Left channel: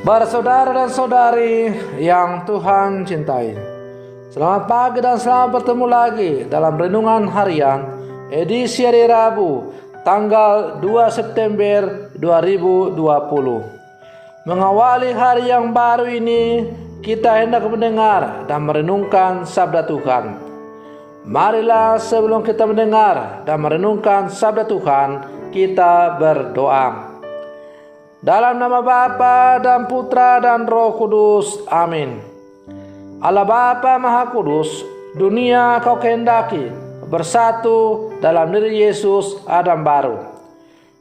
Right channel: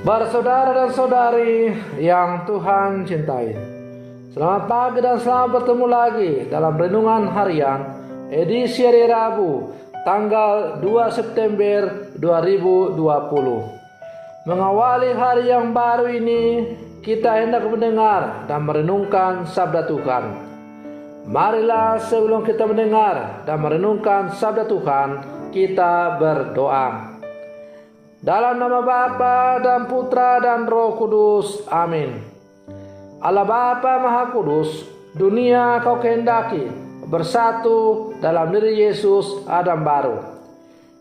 Saudara dan saudari yang Tuhan cintai, selamat pagi dan selamat bertemu lagi dalam Renungan Harian edisi hari Rabu tanggal 2 September 2020. Mengawali hari yang baru ini, kita hendak mendengar dan merenungkan sabda Tuhan. Marilah sebelum kita mendengar dan merenungkan sabda Tuhan, kita berdoa. Dalam nama Bapa dan Putra dan Roh Kudus. Amin. Allah Bapa Maha Kudus, dunia Kau kehendaki bersatu dalam diri Yesus Adam baru.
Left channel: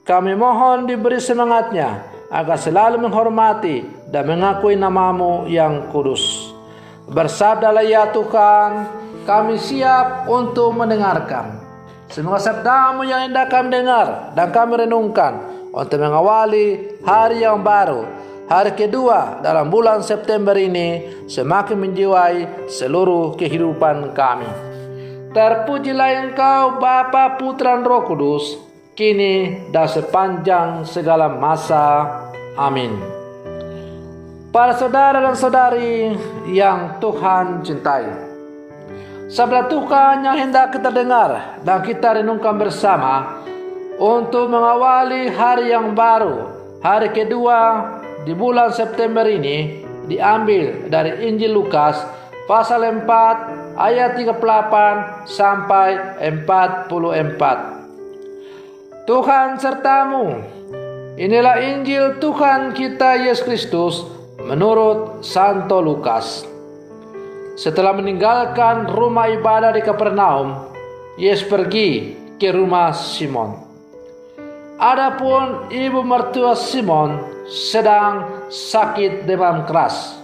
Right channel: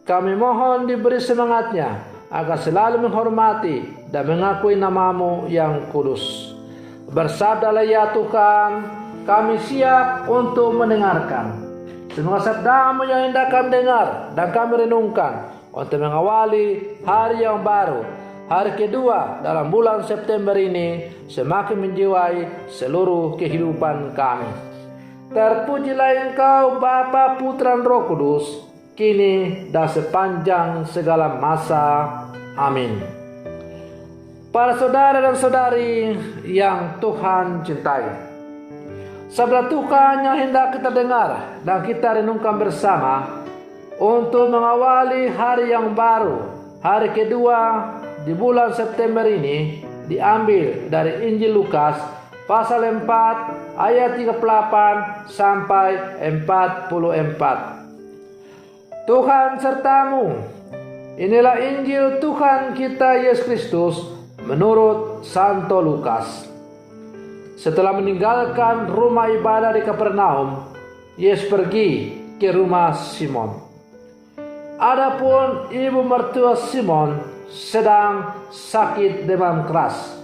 Kami mohon diberi semangatnya agar selalu menghormati dan mengakui nama-Mu yang kudus. Bersabdalah ya Tuhan, kami siap untuk mendengarkan. Semoga sabda-Mu yang hendak kami dengar dan kami renungkan untuk mengawali hari yang baru, hari kedua dalam bulan September ini, semakin menjiwai seluruh kehidupan kami. Terpujilah Engkau Bapa, Putra dan Roh Kudus, kini dan sepanjang segala masa. Amin. Para saudara dan saudari yang Tuhan cintai, sabda Tuhan yang hendak kita dengar dan kita renungkan bersama untuk mengawali hari yang baru, hari kedua di bulan September ini, diambil dari Injil Lukas pasal 4 ayat 38 sampai 44. Tuhan sertamu. Inilah Injil Tuhan kita Yesus Kristus menurut Santo Lukas. Setelah meninggalkan rumah ibadah di Kapernaum, Yesus pergi ke rumah Simon. Adapun ibu mertua Simon sedang sakit demam keras,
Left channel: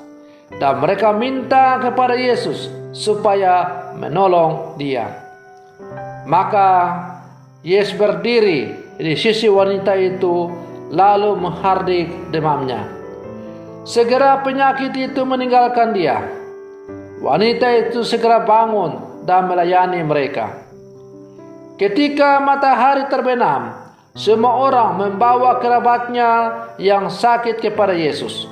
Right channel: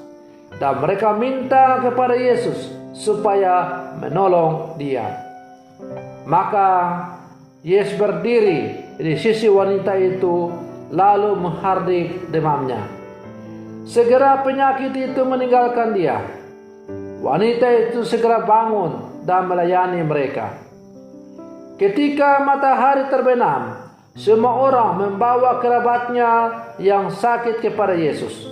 dan mereka minta kepada Yesus supaya menolong dia. Maka Yesus berdiri di sisi wanita itu lalu menghardik demamnya. Segera penyakit itu meninggalkan dia. Wanita itu segera bangun dan melayani mereka. Ketika matahari terbenam, semua orang membawa kerabatnya yang sakit kepada Yesus.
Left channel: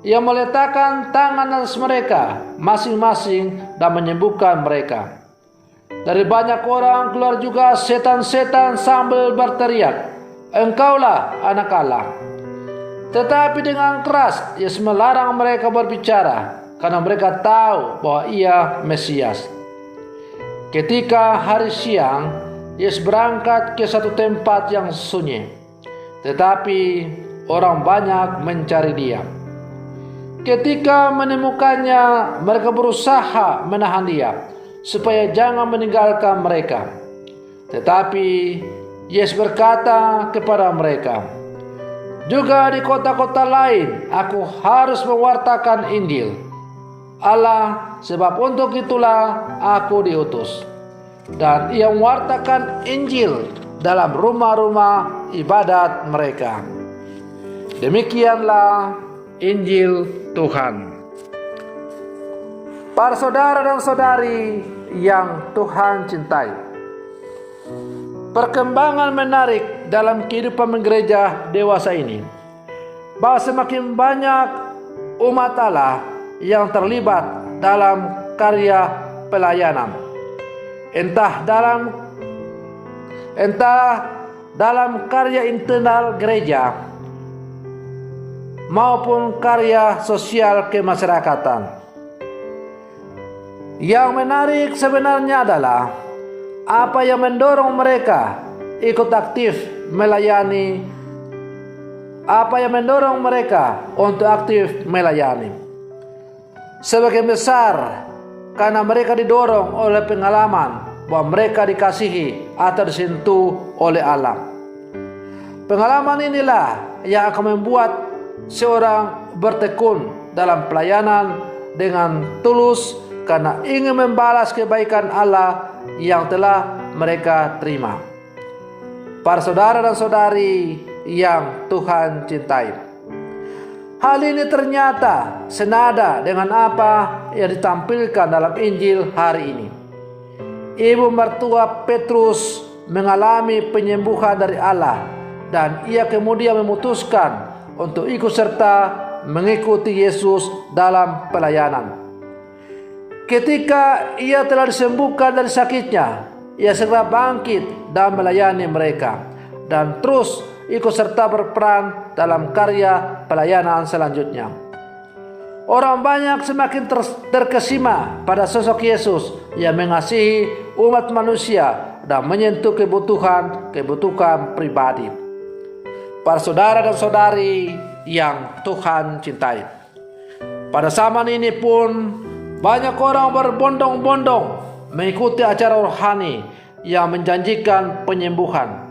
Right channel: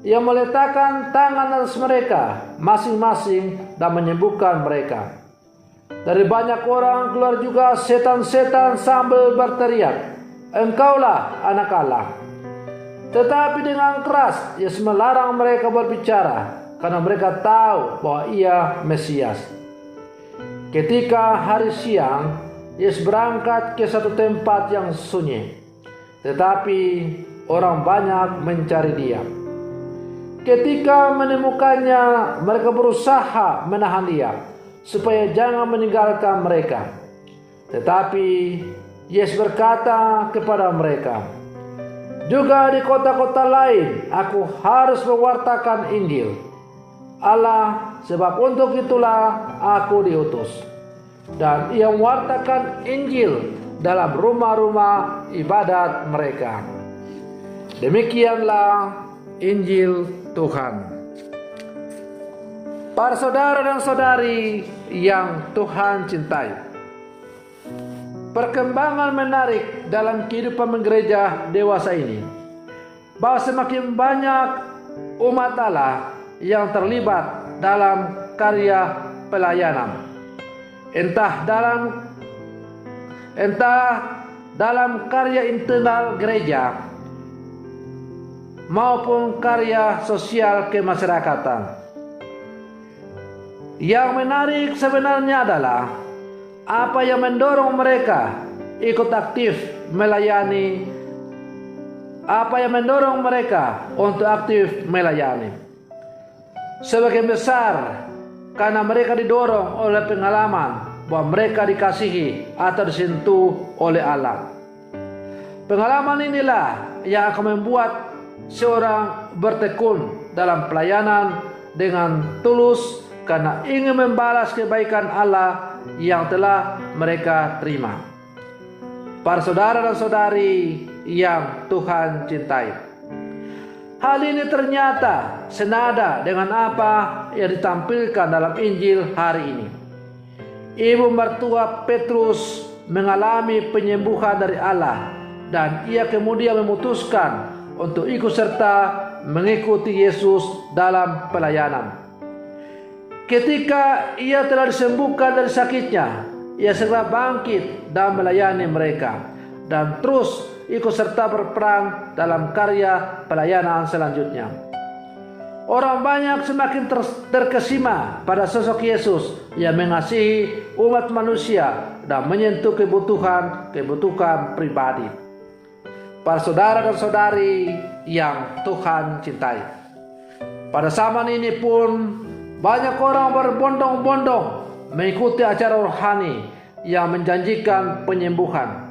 Ia meletakkan tangan atas mereka masing-masing dan menyembuhkan mereka. Dari banyak orang keluar juga setan-setan sambil berteriak, "Engkaulah anak Allah." Tetapi dengan keras Yesus melarang mereka berbicara, karena mereka tahu bahwa Ia Mesias. Ketika hari siang, Yesus berangkat ke satu tempat yang sunyi, tetapi orang banyak mencari Dia. Ketika menemukannya, mereka berusaha menahan Dia supaya jangan meninggalkan mereka. Tetapi Yesus berkata kepada mereka, "Juga di kota-kota lain aku harus mewartakan Injil Allah, sebab untuk itulah aku diutus." Dan Ia mewartakan Injil dalam rumah-rumah ibadat mereka. Demikianlah Injil Tuhan. Para saudara dan saudari yang Tuhan cintai, perkembangan menarik dalam kehidupan gereja dewasa ini, bahwa semakin banyak umat Allah yang terlibat dalam karya pelayanan. Entah dalam karya internal gereja maupun karya sosial kemasyarakatan. Yang menarik sebenarnya adalah apa yang mendorong mereka ikut aktif melayani, apa yang mendorong mereka untuk aktif melayani. Sebagian besar karena mereka didorong oleh pengalaman bahwa mereka dikasihi atau disentuh oleh Allah. Pengalaman inilah yang akan membuat seorang bertekun dalam pelayanan dengan tulus karena ingin membalas kebaikan Allah yang telah mereka terima. Para saudara dan saudari yang Tuhan cintai, hal ini ternyata senada dengan apa yang ditampilkan dalam Injil hari ini. Ibu mertua Petrus mengalami penyembuhan dari Allah, dan ia kemudian memutuskan untuk ikut serta mengikuti Yesus dalam pelayanan. Ketika ia telah disembuhkan dari sakitnya, ia segera bangkit dan melayani mereka, dan terus ikut serta berperan dalam karya pelayanan selanjutnya. Orang banyak semakin terkesima pada sosok Yesus yang mengasihi umat manusia dan menyentuh kebutuhan pribadi. Para saudara dan saudari yang Tuhan cintai, pada zaman ini pun banyak orang berbondong-bondong mengikuti acara rohani yang menjanjikan penyembuhan.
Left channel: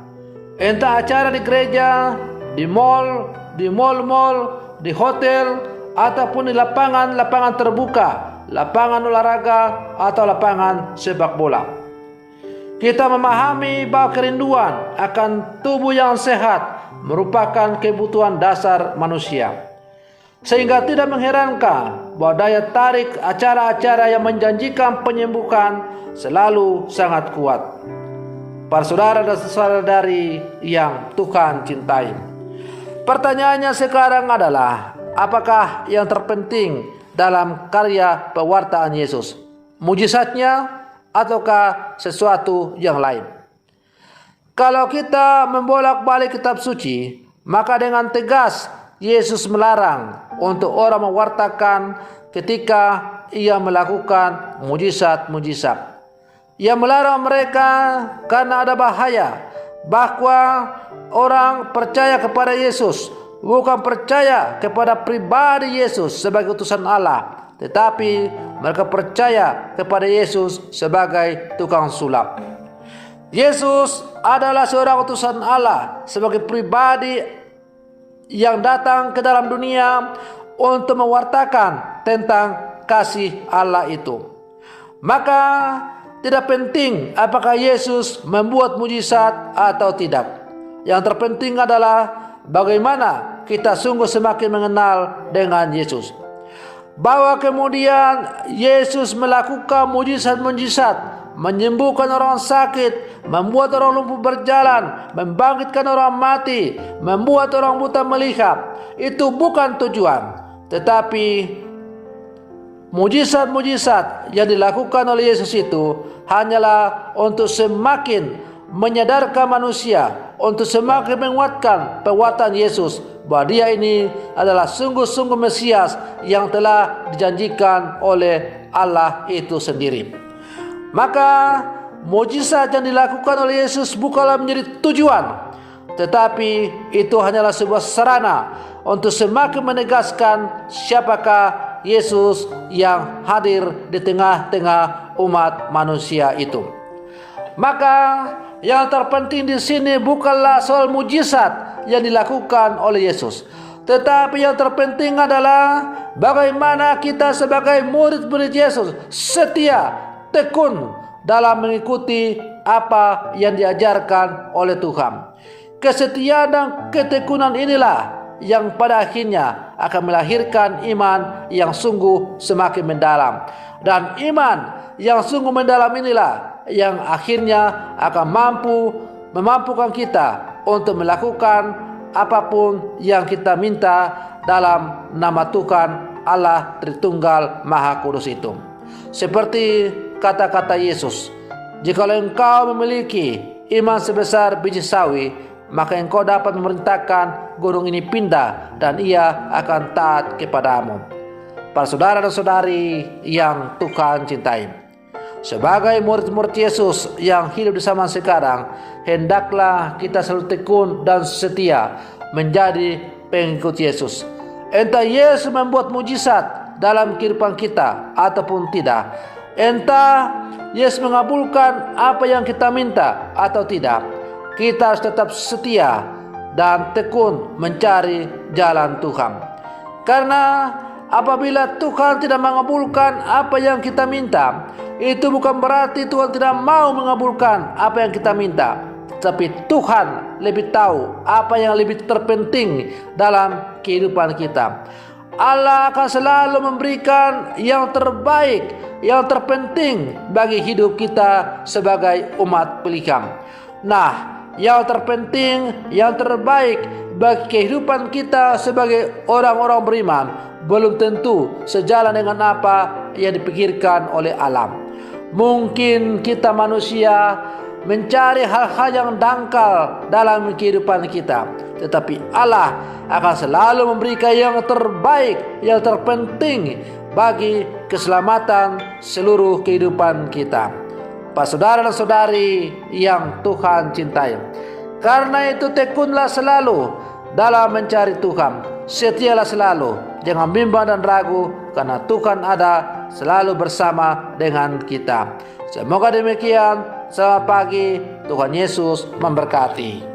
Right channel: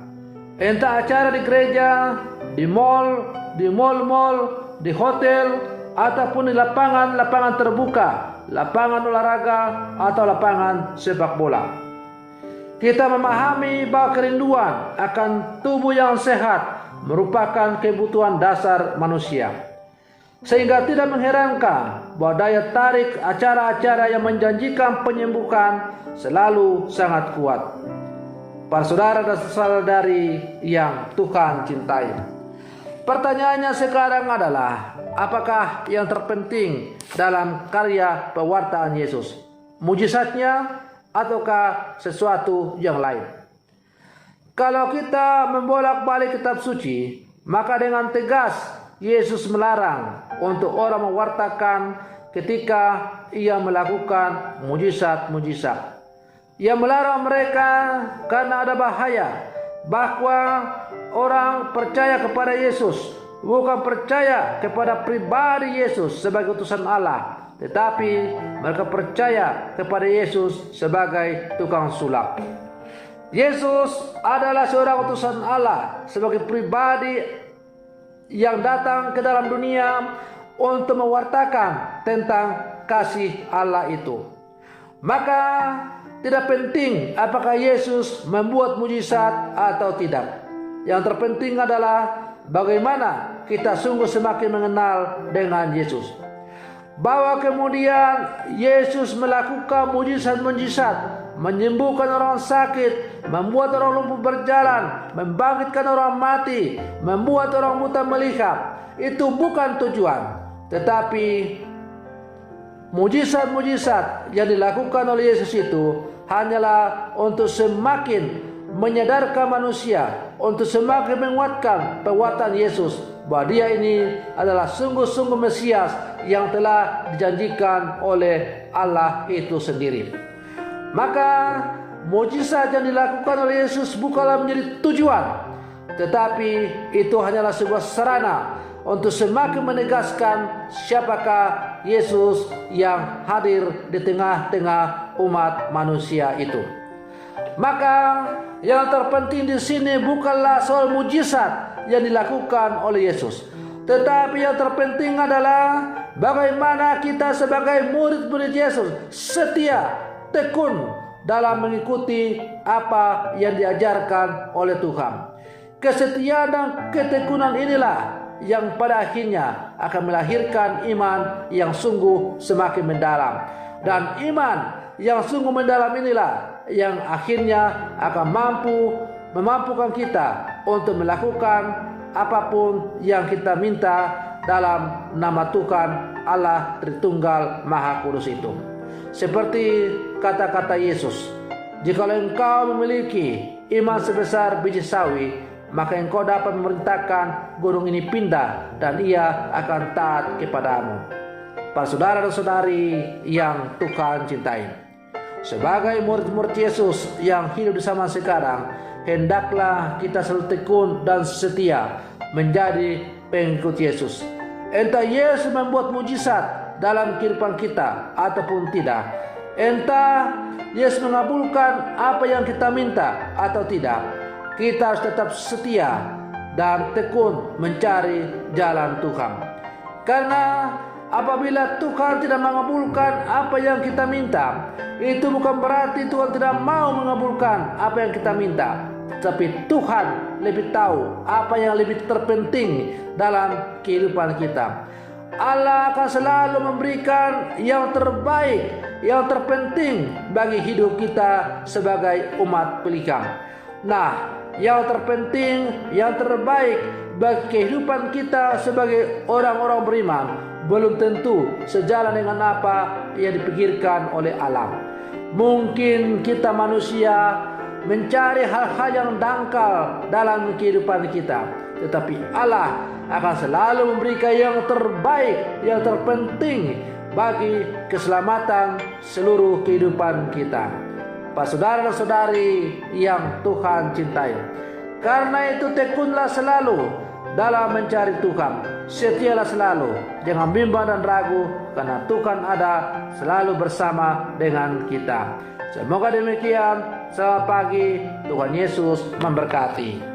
Entah acara di gereja, di mall, di hotel, ataupun di lapangan terbuka, lapangan olahraga, atau lapangan sepak bola. Kita memahami bahwa kerinduan akan tubuh yang sehat merupakan kebutuhan dasar manusia. Sehingga tidak mengherankan bahwa daya tarik acara-acara yang menjanjikan penyembuhan selalu sangat kuat. Para saudara dan saudari yang Tuhan cintai, pertanyaannya sekarang adalah, apakah yang terpenting dalam karya pewartaan Yesus? Mujizatnya ataukah sesuatu yang lain? Kalau kita membolak-balik kitab suci, maka dengan tegas Yesus melarang untuk orang mewartakan ketika ia melakukan mujizat-mujizat. Ia melarang mereka karena ada bahaya bahwa orang percaya kepada Yesus bukan percaya kepada pribadi Yesus sebagai utusan Allah, tetapi mereka percaya kepada Yesus sebagai tukang sulap. Yesus adalah seorang utusan Allah sebagai pribadi yang datang ke dalam dunia untuk mewartakan tentang kasih Allah itu. Maka tidak penting apakah Yesus membuat mujizat atau tidak. Yang terpenting adalah bagaimana kita sungguh semakin mengenal dengan Yesus. Bahwa kemudian Yesus melakukan mujizat-mujizat, menyembuhkan orang sakit, membuat orang lumpuh berjalan, membangkitkan orang mati, membuat orang buta melihat, itu bukan tujuan. Tetapi mujizat-mujizat yang dilakukan oleh Yesus itu hanyalah untuk semakin menyadarkan manusia, untuk semakin menguatkan perbuatan Yesus bahwa dia ini adalah sungguh-sungguh Mesias yang telah dijanjikan oleh Allah itu sendiri. Maka mujizat yang dilakukan oleh Yesus bukanlah menjadi tujuan, tetapi itu hanyalah sebuah sarana untuk semakin menegaskan siapakah Yesus yang hadir di tengah-tengah umat manusia itu. Maka yang terpenting di sini bukanlah soal mujizat yang dilakukan oleh Yesus, tetapi yang terpenting adalah bagaimana kita sebagai murid-murid Yesus setia, tekun dalam mengikuti apa yang diajarkan oleh Tuhan. Kesetiaan dan ketekunan inilah yang pada akhirnya akan melahirkan iman yang sungguh semakin mendalam. Dan iman yang sungguh mendalam inilah yang akhirnya akan memampukan kita untuk melakukan apapun yang kita minta dalam nama Tuhan Allah Tritunggal Maha Kudus itu. Seperti kata-kata Yesus, jikalau engkau memiliki iman sebesar biji sawi, maka engkau dapat memerintahkan gunung ini pindah dan ia akan taat kepadamu. Para saudara dan saudari yang Tuhan cintai, sebagai murid-murid Yesus yang hidup di zaman sekarang, hendaklah kita selalu tekun dan setia menjadi pengikut Yesus. Entah Yesus membuat mujizat dalam kehidupan kita ataupun tidak, entah Yesus mengabulkan apa yang kita minta atau tidak, kita harus tetap setia dan tekun mencari jalan Tuhan. Karena apabila Tuhan tidak mengabulkan apa yang kita minta, itu bukan berarti Tuhan tidak mau mengabulkan apa yang kita minta, tapi Tuhan lebih tahu apa yang lebih terpenting dalam kehidupan kita. Allah akan selalu memberikan yang terbaik, yang terpenting bagi hidup kita sebagai umat pilihan. Nah, yang terpenting, yang terbaik bagi kehidupan kita sebagai orang-orang beriman belum tentu sejalan dengan apa yang dipikirkan oleh alam. Mungkin kita manusia mencari hal-hal yang dangkal dalam kehidupan kita, tetapi Allah akan selalu memberikan yang terbaik, yang terpenting bagi keselamatan seluruh kehidupan kita. Pak saudara dan saudari yang Tuhan cintai, karena itu tekunlah selalu dalam mencari Tuhan. Setialah selalu, jangan bimbang dan ragu, karena Tuhan ada selalu bersama dengan kita. Semoga demikian. Selamat pagi, Tuhan Yesus memberkati.